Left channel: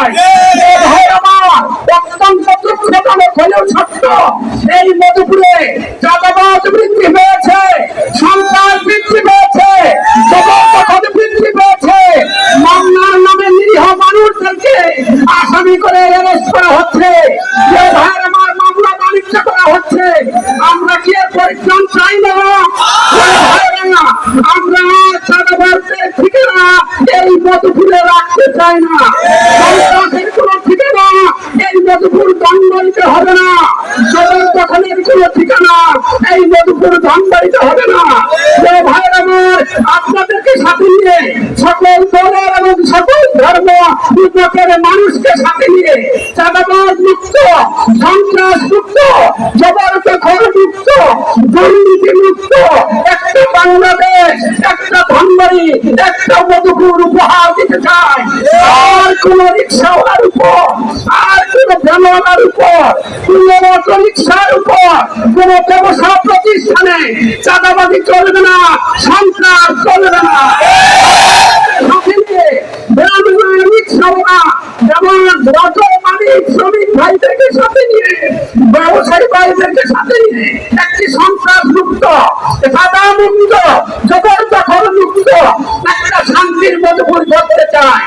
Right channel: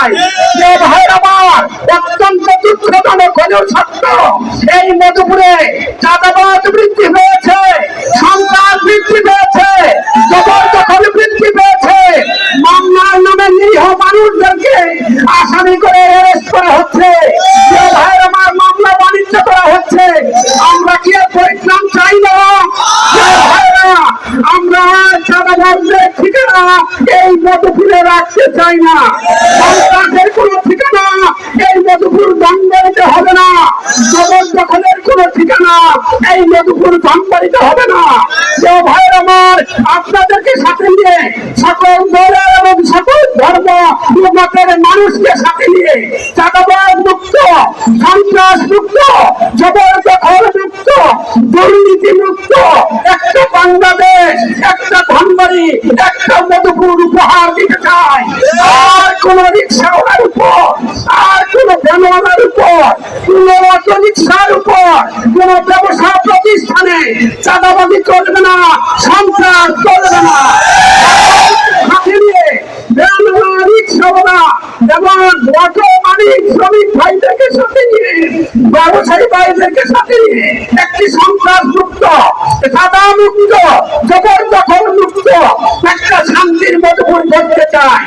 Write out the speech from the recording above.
চাই যে ভাই আমার, অত্যন্ত দুঃখজনক হলেও সত্য, এই মধুপুরে চাঁদাবাজ বৃদ্ধি পেয়েছে সন্ত্রাস বৃদ্ধি পেয়েছে জবরদখল বৃদ্ধি পেয়েছে মামলার নামে নিরীহ মানুষদেরকে আসামি করে করা হচ্ছে। যে ভাই আমার মামলা বাণিজ্য করা হচ্ছে। আমরা কি এর চাই না? আমরা ঠিকানা এই রাখতে চাই না। কোনো ঠিকানা এই হবে না। কোনো ঠিকানা এই হবে না। আপনাদেরকে সাথে নিয়ে সকল দলের এবং সকল ধর্ম মানুষকে সাথে নিয়ে চাঁদাবাজ মুক্ত, সন্ত্রাস মুক্ত, জবরদখল মুক্ত, দুর্নীতি মুক্ত একটা বাংলাদেশ একটা ধনবাড়ি একটা মধুপুর উপহার দিতে চাই। আর কোন রিক্সাওয়ালার উপর, আর কোন ভ্যানওয়ালার উপর, কোন অটো রিক্সার উপর, কোন ব্যবসা প্রতিষ্ঠানে চাঁদাবাজি চলবে না, সন্ত্রাস চলবে না। একটি সন্ত্রাস মুক্ত সাদা মুক্ত মুক্ত একটা শান্তির মধুপুর করতে চায়